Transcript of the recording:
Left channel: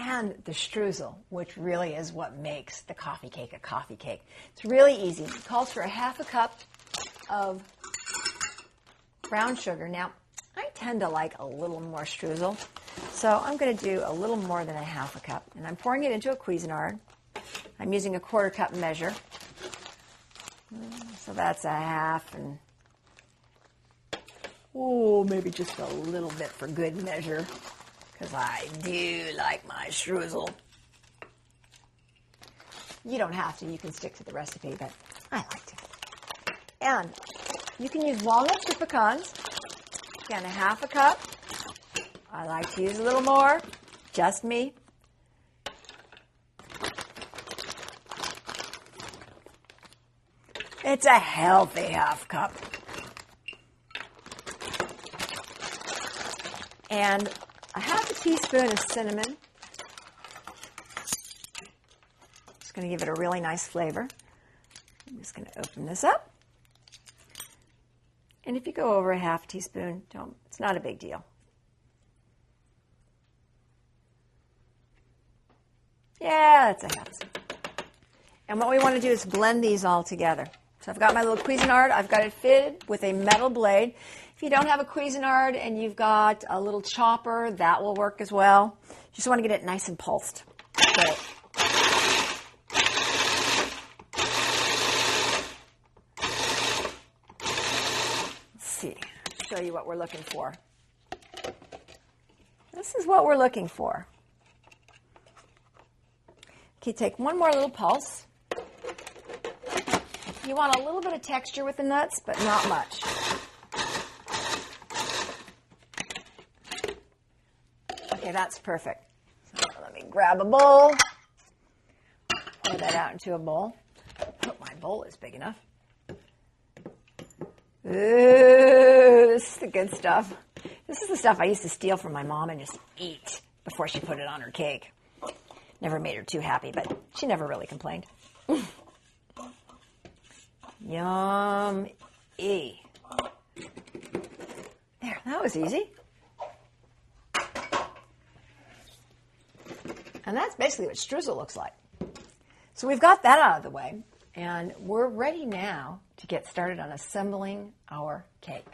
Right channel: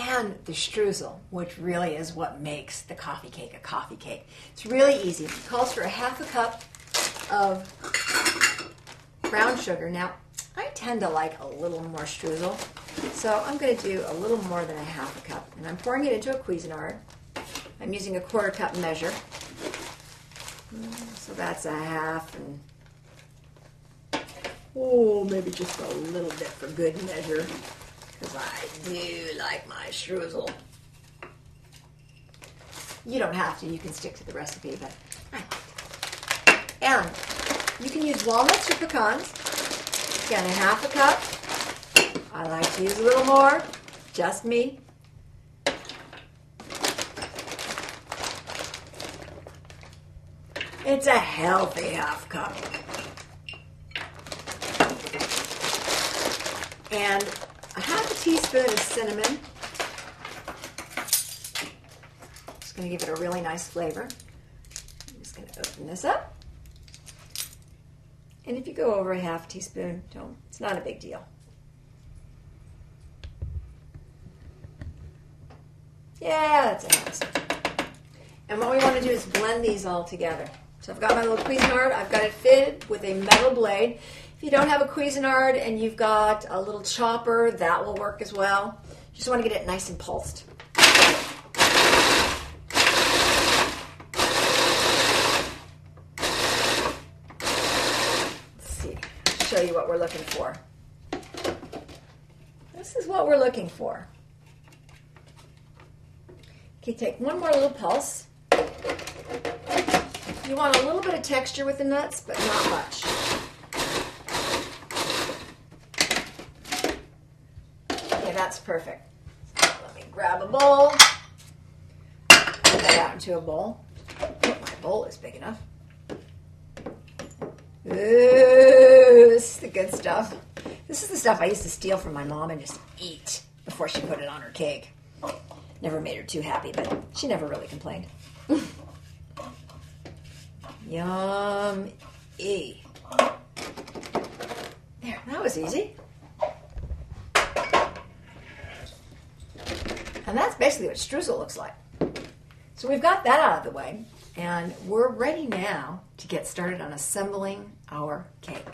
and the streusel, which really is what makes the coffee cake a coffee cake. It's really easy. It calls for a half a cup of brown sugar. Now, I tend to like a little more streusel, so I'm going to do a little more than a half a cup. And I'm pouring it into a Cuisinart. I'm using a 1/4 cup measure. So that's a half, and maybe just a little bit for good measure, because I do like my streusel. You don't have to, you can stick to the recipe, but I like to. And you can use walnuts or pecans. Again, a half a cup. I like to use a little more, just me. It's a healthy half cup. And a half a teaspoon of cinnamon. It's going to give it a really nice flavor. I'm just going to open this up. And if you go over a half teaspoon, it's not a big deal. Yeah, that's a half. And what we want to do is blend these all together. So I've got my little Cuisinart. I've got it fitted with a metal blade. If you don't have a Cuisinart and you've got a little chopper, that will work as well. You just want to get it nice and pulsed. Let's see. I'll show you what we're looking for. This is what we're looking for. Okay, take one more little pulse. You want a little bit of texture with the nuts, but not much. Okay, that's perfect. So let me grab a bowl. Put that out into a bowl. Oh, my bowl is big enough. Ooh, this is the good stuff. This is the stuff I used to steal from my mom and just eat before she put it on her cake. Never made her too happy, but she never really complained. Yum-y. There, that was easy. And that's basically what streusel looks like. So we've got that out of the way, and we're ready now to get started on assembling our cake.